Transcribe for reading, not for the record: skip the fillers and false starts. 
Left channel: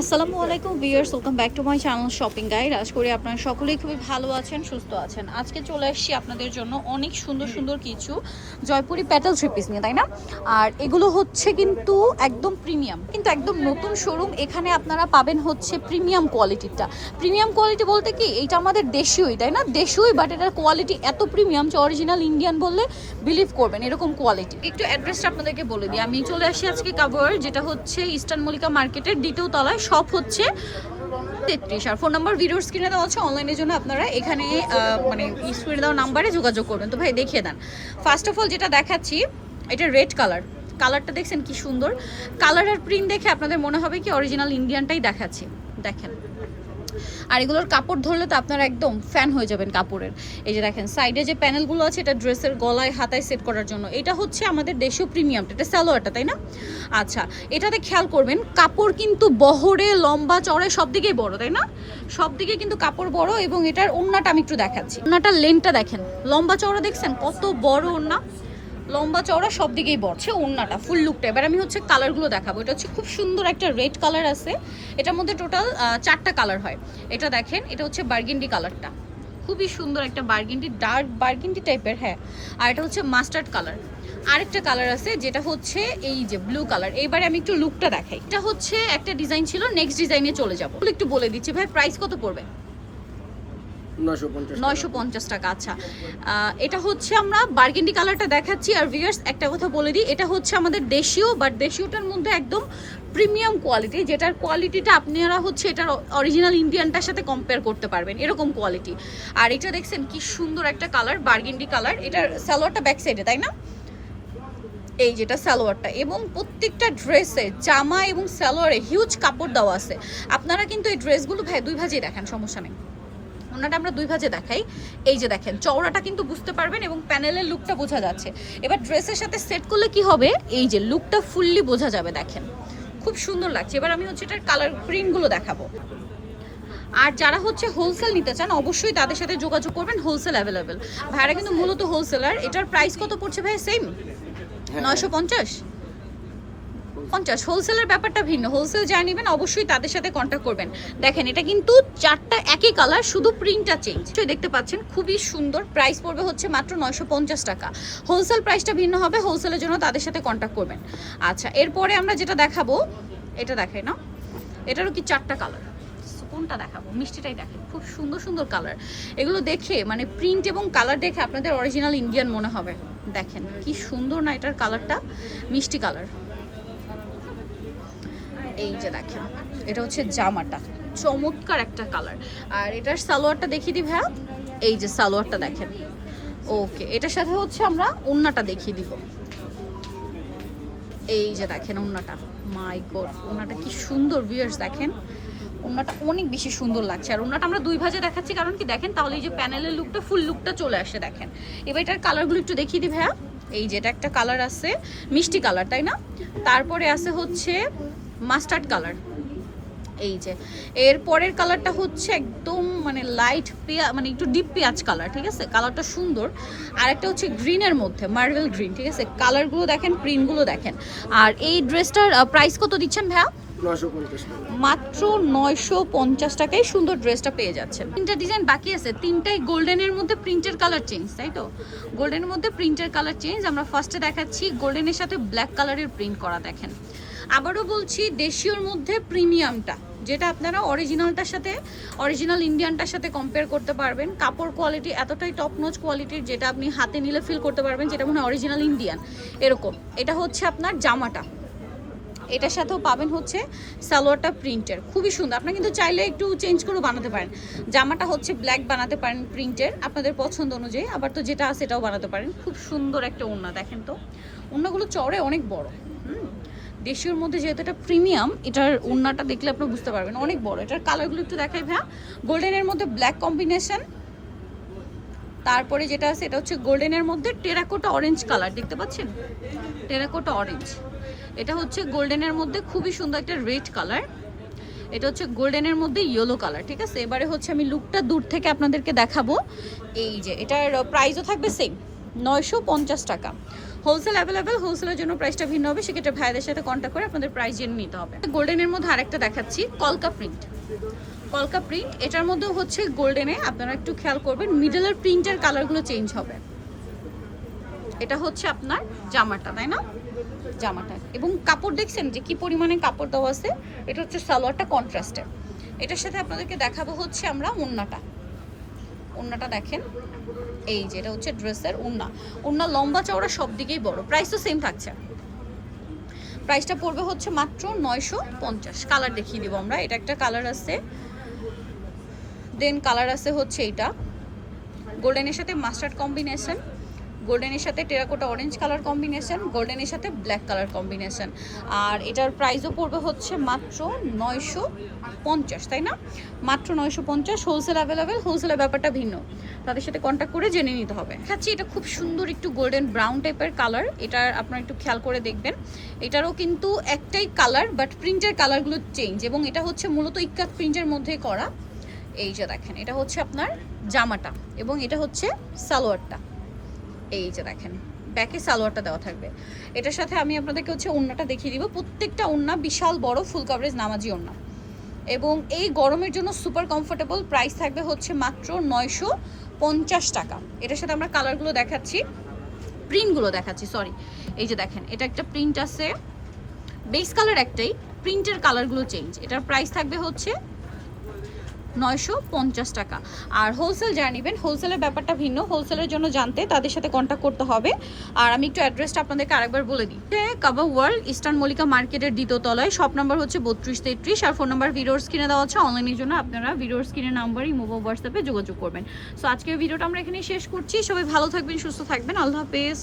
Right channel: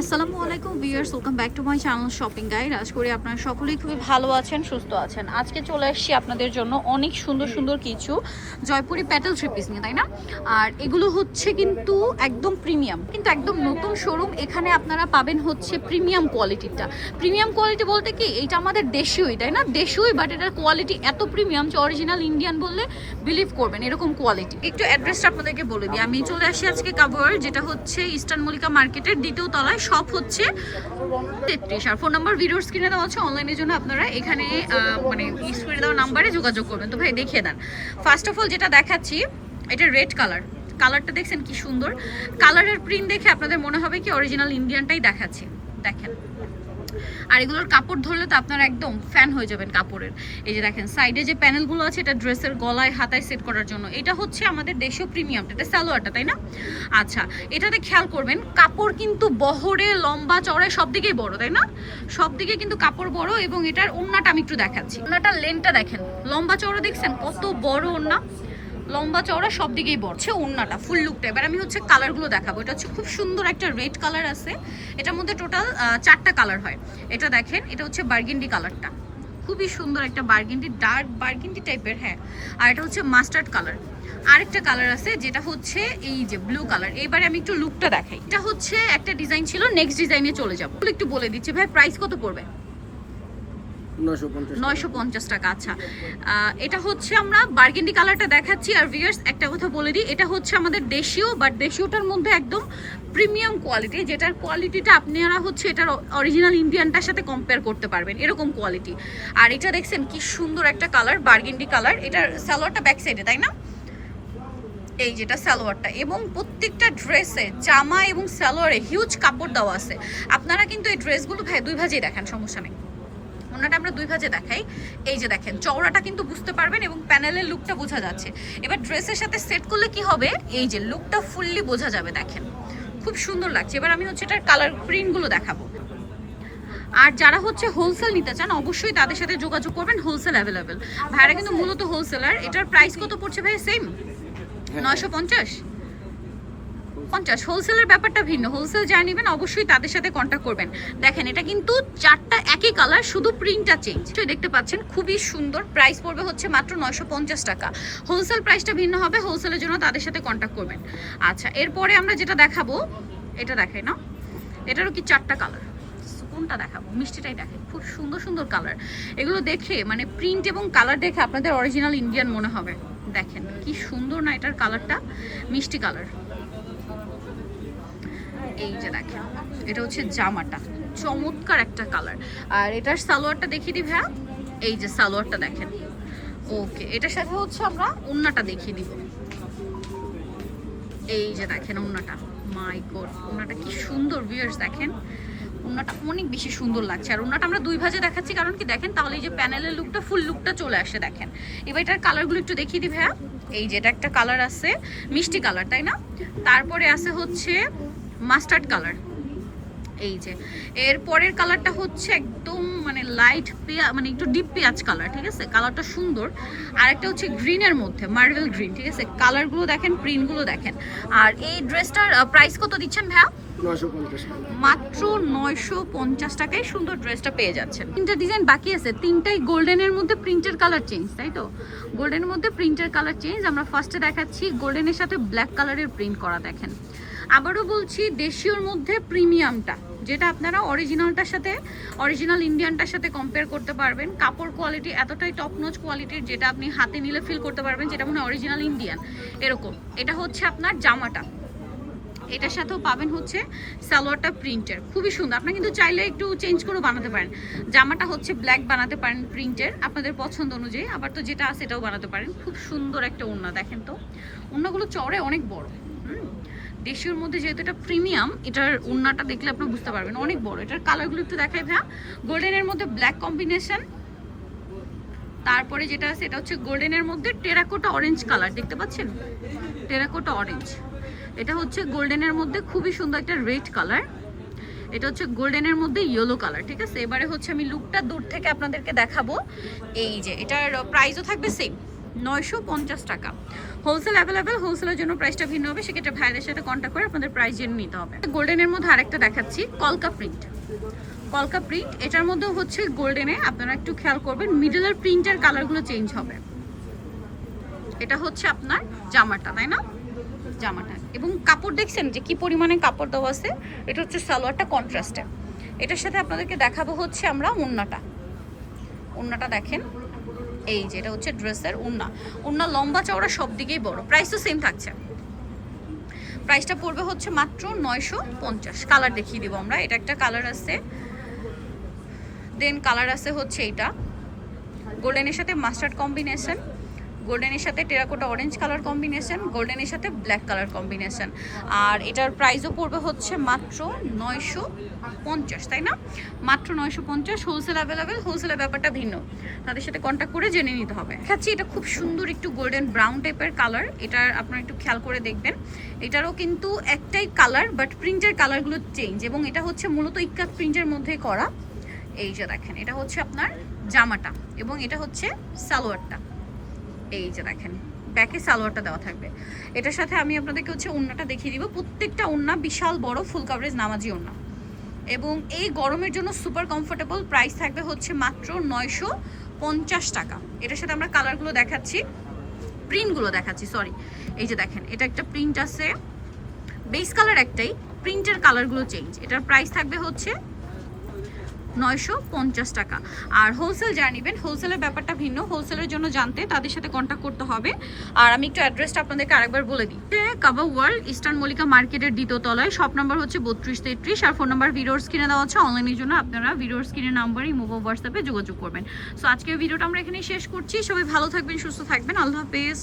আসসালামু আলাইকুম viewers, welcome back to my channel shopping guide. আশা করি আপনারা সকলেই খুবই ভালো আছেন, সুস্থ আছেন। আজকে চলে আসছি আপনাদের জন্য অনেক সুন্দর সুন্দর কিছু জয়পুরি প্যাটেল থ্রি পিস নিয়ে, তাই না? আর এগুলো হচ্ছে কিন্তু একদম প্রিমিয়াম, কিন্তু একদম নতুন শোরুম। এখানে আপনারা পাবেন হচ্ছে প্রিমিয়াম কোয়ালিটিটা। প্রিমিয়াম কোয়ালিটি বলতে কি, এইটা আমাদের দেশীয়ই, তাই না? দেশীয়ই, বাট এটার কোয়ালিটি এত প্রিমিয়াম যে অরিজিনাল ইন্ডিয়ান বললে বিলিভ করবেন, এরকম কোয়ালিটি। একটু অ্যাড্রেসটা আপনাদেরকে বলে দিই। আমি চলে আসি আজকে কাভার, যেটা হচ্ছে ইস্টার্ন মল্লিকা মার্কেটের দ্বিতীয় তলায়, সব হচ্ছে 33। আর ফোন নাম্বার ভিডিওর স্ক্রিনে দেওয়া আছে। অনলাইনের জন্য আপনারা এখানে মানে স্ক্রিনে দেওয়া নাম্বারে যোগাযোগ করবেন। তো ভাই দেখিয়ে দেন। ফার্স্ট অফ অল যেটা দেখাচ্ছি, এটা রেড কালারটা দেখছেন কি সুন্দর। কালারের প্রিন্ট দেখে আপনাদের মনে হবে কি অরিজিনাল ইন্ডিয়ানটাই দেখাচ্ছে। দেখেন, আর এগুলোর কাপড় ধরলে তো আপনারা একদম ফ্যান হয়ে যাবেন কাপড়ের। এই যে দেখেন সাইডে যে প্যানেলগুলো আছে, এটা ড্রেসের গলায় হাতায় সেট করার জন্য। এটা হচ্ছে আমাদের দেশীয় প্রিমিয়ামটা, এটা সালোয়ারটা, তাই না? আচ্ছা, এটাতে খেয়াল করবেন কাপড় কিন্তু বহরে, লম্বা, চড়ে সব দিকেই বড়, তাই না? সব দিকে কিন্তু কাপড় বড়। এবং এটার ওড়নাটা আমি একটু দেখাচ্ছি। ওড়নাটার লেনটা দেখেন, লম্বা চওড়া দেখছেন কত বড় ওড়না, লম্বা চওড়া সব দিকেই বড়ছে ওড়নাটা, ফুল লুকটা। এবার আমি হচ্ছে কালারগুলো দেখাবো। এটা হচ্ছে খুব সুন্দর একটা রেড কালার আছে, এটার মধ্যে টোটাল 4টা কালার হয়। এটা দেখেন, এটা হচ্ছে বার্গেন্ডি কালারটা, খুবই সুন্দর একটা বার্গেন্ডি, ডার্ক বার্গেন্ডি টাইপের, হ্যাঁ। আর এটা হচ্ছে মাস্টার্ড কালার। আরেকটা কালার আছে যেটা হচ্ছে এই যে ব্লু কালার। এবারে আমি একটু লুকটা দেখাই। এটা হচ্ছে একটা ডিজাইন ছিল, নেক্সট ডিজাইনে চলে যাবো। একটু বলে দিচ্ছি ভাই, প্রাইস কত পড়বে? 950 টাকা। আচ্ছা, এটা হচ্ছে আমরা বার্গেন্ডি কালারটা দেখাচ্ছি। আর ভিউয়ার্স একটা কথা বলে দিই, এটা হচ্ছে আমাদের দেশীয়, বাট দেশীয়টার মধ্যে একদম প্রিমিয়াম কোয়ালিটি, যেটার কোয়ালিটিটা আপনারা হচ্ছে এটার অরিজিনাল ইন্ডিয়ানটার সাথে কম্পেয়ার করতে পারবেন, এরকম কোয়ালিটি। আর এটা দেখছেন কি সুন্দর একটা কালার, বার্গেন্ডি কালার। এটার সালোয়ারটা ব্যাক সাইডে, তাই না? এই যেটা সালোয়ারটা, এবং প্রত্যেকটা ড্রেসে জামা এবং সালোয়ারে হিউজ কাপড় দেওয়া আছে। আপনারা কিন্তু এই ড্রেসগুলো ভাই দুই ভাজেই দেখান, সমস্যা নেই। ওনাটা আমরা দুই ভাজে দেখাই। এই যে দেখেন চওড়াটা কিন্তু বুঝতে পারবেন এবং প্যানেলের লুকটা বোঝা যাচ্ছে। এবার ড্রেসের সাথে সেট করলে কি হবে, এই যে লুকটা ফুললি বোঝা যাবে। দেখেন খুব সুন্দর লাগছে। এবার আমি হচ্ছে এটার কালার প্রিন্টগুলো দেখাবো। আর যারা হচ্ছে হোলসেল নিতে চান অবশ্যই তাদের সাথে যোগাযোগ করবেন, হোলসেল অ্যাভেলেবেল। ভাইরা কিন্তু মূলত হোলসেলার। এটার প্রাইস কত পড়ছে ভাই? সেম 950। হোলসেলের ব্যাপারটা ভিন্ন, হোলসেল যা নেবেন অবশ্যই তাদের সাথে কন্ট্যাক্ট করবেন। দেখেন এটা কিন্তু 4টা একই কালার, শুধু প্রিন্টটা চেঞ্জ। দেখতে পাচ্ছেন খুবই সুন্দর। প্রাইস পড়বে হচ্ছে মাত্র 950 টাকা। হোলসেল প্রাইসটা ভিন্ন হবে, হোলসেলের জন্য তাদের সাথে কন্ট্যাক্ট করবেন। আচ্ছা, এরপরে আমরা যেটা দেখাবো, এটা দেখাই না, এটারও কি 4টা কালার। কোনটা দেখাবো? মিষ্টিটাই দেখেন, খুব সুন্দর সুন্দর কালার। এগুলো দেখে মানে প্রিন্ট এবং কালার দেখে আপনাদের অরিজিনাল ইন্ডিয়ান মনে হবে। দেখেন কি সুন্দর না এটার কালারটা, মিষ্টি কালার। এই যে দেখেন, এটা হচ্ছে জামাটা, চমৎকার একটা কালার। আর এটার সালোয়ারটা দেখিয়ে দিই ভাইয়া। এই যে সালোয়ারটা দেখেন। ওকে, এটার সাথে হচ্ছে আমরা ওড়নাটা দেখিয়ে দিব। এই যে দেখেন ওড়নাটা, মাই গড, ওড়নাটা কি সুন্দর ভিউয়ার্স। দেখেন ওড়নাটা অনেক বেশি সুন্দর লাগছে। আর ওড়নাটা আমরা দুই ভাজে দেখাচ্ছি, কারণ কি দেখেন তাহলে এই যে প্যানেলের লুকটা, ফুল লুকটা চলে আসে। দেখেন এবার এটার কালারগুলো একটু দেখিয়ে দিই ভাইয়া। এই যে এটা একটা কালার আছে, মিষ্টি কালার, তাই না? তারপরে আছে হচ্ছে মাস্টার্ড কালার। এই যে এর পরের কালারটা হচ্ছে একদম মানে লাইট মানে একটু ডিপ পেঁয়াজ কালার, ঠিক আছে? কালারটা সুন্দর। আর একটা হচ্ছে গ্রিনের মধ্যে, মার্বেল গ্রিন, ঠিক আছে? কালারগুলো দেখেন, প্রিন্টগুলো দেখেন। আর এই ড্রেসটার প্রাইস কত দিচ্ছেন ভাইয়া? 950 টাকা। মাত্র 950 টাকায় সুন্দর ড্রেসটা পেয়ে যাচ্ছেন। 3টা ডিজাইন বাকি আছে, 3টাই গোল্ডেনের মধ্যে প্রিন্টের কালার চেঞ্জ, তাই তো? গোল্ডেনের মধ্যে প্রিন্টের কালার চেঞ্জ। আমরা ফার্স্টে দেখাচ্ছি গোল্ডেনের সাথে ব্ল্যাক কালারের প্রিন্ট করা। দেখেন আবারও বলছি, দেশীয়র মধ্যে প্রিমিয়ামটা, যেটা আপনারা অরিজিনালটার সাথে, অরিজিনাল ইন্ডিয়ানটার সাথে কম্পেয়ার করতে পারবেন। কাপড় কোয়ালিটি এতটাই টপ নচ কোয়ালিটির, যেটা আপনি হাতে নিলে ফিল করতে পারবেন যেটা মনে হয় অরিজিনাল ইন্ডিয়ান, এরকম। এটা হচ্ছে আপনার জামাটা, এটার সাথেও পাবেন হচ্ছে সালোয়ারটা প্রিন্টের, খুবই সুন্দর। আপনারা কিন্তু চাইলে একটু চেঞ্জ করে বানাতে পারেন। জামাটা হচ্ছে ব্ল্যাক বানাতে পারেন প্রিন্টের, আপনাদের পছন্দ অনুযায়ী। আবার তো যেটা আছে সেটাও বানাতে পারেন। খুব সুন্দর একটা ওড়না। দেখেন তো ওড়নাগুলো চড়ে অনেক বড়। দেশীয়র মধ্যে যেহেতু এটা প্রিমিয়াম, এটার ওড়নাটা দেখলে আপনারা বুঝতে পারবেন অনেক বড়। এটার কালারগুলো একটু দেখাই ভাইয়া। গোল্ডেনের মধ্যে ব্ল্যাক কম্বিনেশন। তারপরে যেটা আছে এটা হচ্ছে গোল্ডেনের মধ্যে টেরাকোটা অরেঞ্জ কালার, দেখতে পাচ্ছেন? Terracotta orange. এটা হচ্ছে গোল্ডেনের মধ্যে খুবই সুন্দর একটা রেড কালার। এটা হচ্ছে গোল্ডেনের মধ্যে ইয়েলো কালার, ঠিক আছে? এবারে হচ্ছে আমি লুকটা দূর থেকে আপনাদেরকে দেখাবো। এই যে এটার প্রাইসও থাকবে সেম, 950 টাকা। হোলসেল অ্যাভেলেবেল, হোলসেলের জন্য প্রাইসটা ভিন্ন হবে, সেক্ষেত্রে ভাইদের সাথে কন্ট্যাক্ট করে আপনাদের প্রাইস জেনে নিতে হবে। গোল্ডেনের মধ্যে আরেকটা দেখাচ্ছি, কলকা প্রিন্ট। কলকা প্রিন্ট, এটার মধ্যেও হচ্ছে গোল্ডেনে, আপনারা একটু খেয়াল করবেন মিডলের প্রিন্টের কালারগুলো চেঞ্জ হবে। এটা হচ্ছে আপনার জামাটা, তাই না? জামাটা এবং কাপড় দেখছেন যে কি পরিমাণে কাপড় দেওয়া আছে। এটা হচ্ছে সালোয়ারটা কন্ট্রাস্টে। এটার সাথে আপনাদেরকে দেখাবো হচ্ছে আমরা ওড়নাটা। ওড়নাটা দেখেন, এই যে এটা হচ্ছে ড্রেসের ওড়না। ওড়না লম্বা চওড়া সব দিকেই বড়। প্রাইস তো সেম থাকছে। প্রাইসটা পড়বে হচ্ছে মাত্র 950। কালার দেখিয়ে দিব আমরা। এটা একটা কালার আছে, দেন কালার আছে হচ্ছে এইটা গোল্ডেনের সাথে মাস্টার্ড কম্বিনেশন, গোল্ডেনের সাথে টেরাকোটা অরেঞ্জ কালার কম্বিনেশন, গোল্ডেনের সাথে ব্ল্যাক কালার কম্বিনেশন। আর এটার প্রাইসও পড়বে হচ্ছে মাত্র 950, তাই না? মাত্র 950। হোলসেল অ্যাভেলেবেল, হোলসেলের ব্যাপারটা ভিন্ন, তাদের সাথে কন্ট্যাক্ট করে জেনে নিতে হবে। দেখাচ্ছি, এটা খুব সুন্দর একটু গোল্ডেন ব্রাউন টাইপের কালার। এটার আপনারা একটু খেয়াল করে দেখবেন, এটারও কিন্তু একটাই কালার বাট প্রিন্টের কালারগুলো চেঞ্জ, এবং এটা হচ্ছে মূলত ইক্কাত প্রিন্টের মধ্যে করা। এই যে দেখেন, এটা হচ্ছে আপনার জামাটা এবং এটা হচ্ছে সালোয়ারটা। এই যে দেখেন, ব্যাকে সালোয়ারটা দেওয়া থাকবে। এটার সাথে আমি আপনাদেরকে হচ্ছে ওড়নাটা দেখিয়ে দিব। প্রত্যেকটা ওড়না বিশাল বড় ফুল কভারেজ নামাজি ওড়না, এবং এই গরমের জন্য সুপার কমফোর্টেবল। প্রাইস থাকবে হচ্ছে মাত্র 950 টাকা। এটার সাথে আমরা কালারগুলো দেখাচ্ছি, প্রিন্টগুলো দেখাচ্ছি, সরি। এই যে দেখেন, এটা একটা প্রিন্ট আছে, বেস কালার একটাই, প্রিন্টের কালারগুলো চেঞ্জ। এটার প্রাইস থাকবে হচ্ছে 950 টাকা। আর হোলসেল যারা নেবেন, হোলসেলের ব্যাপারটা ভিন্ন, হোলসেলের জন্য জানতে তাদের সাথে কন্ট্যাক্ট করতে হবে। আর আমি একটু অ্যাড্রেসটা আপনাদেরকে আরেকবার বলে দিই। কাবা ওয়ার্ল্ড ইস্টার্ন মল্লিকা মার্কেটের দ্বিতীয় তলায়, শপ নাম্বার হচ্ছে 3233, আর ফোন নাম্বার ভিডিওর স্ক্রিনে দেওয়া আছে। অনলাইনের জন্য আপনারা ভিডিওর স্ক্রিনের নাম্বারই মোবাইল হোয়াটসঅ্যাপে যোগাযোগ করবেন। সো আজকের ভিডিওটা আমরা এখানেই শেষ করছি। সবাই ভালো থাকবেন, সুস্থ থাকবেন, আল্লাহ হাফেজ।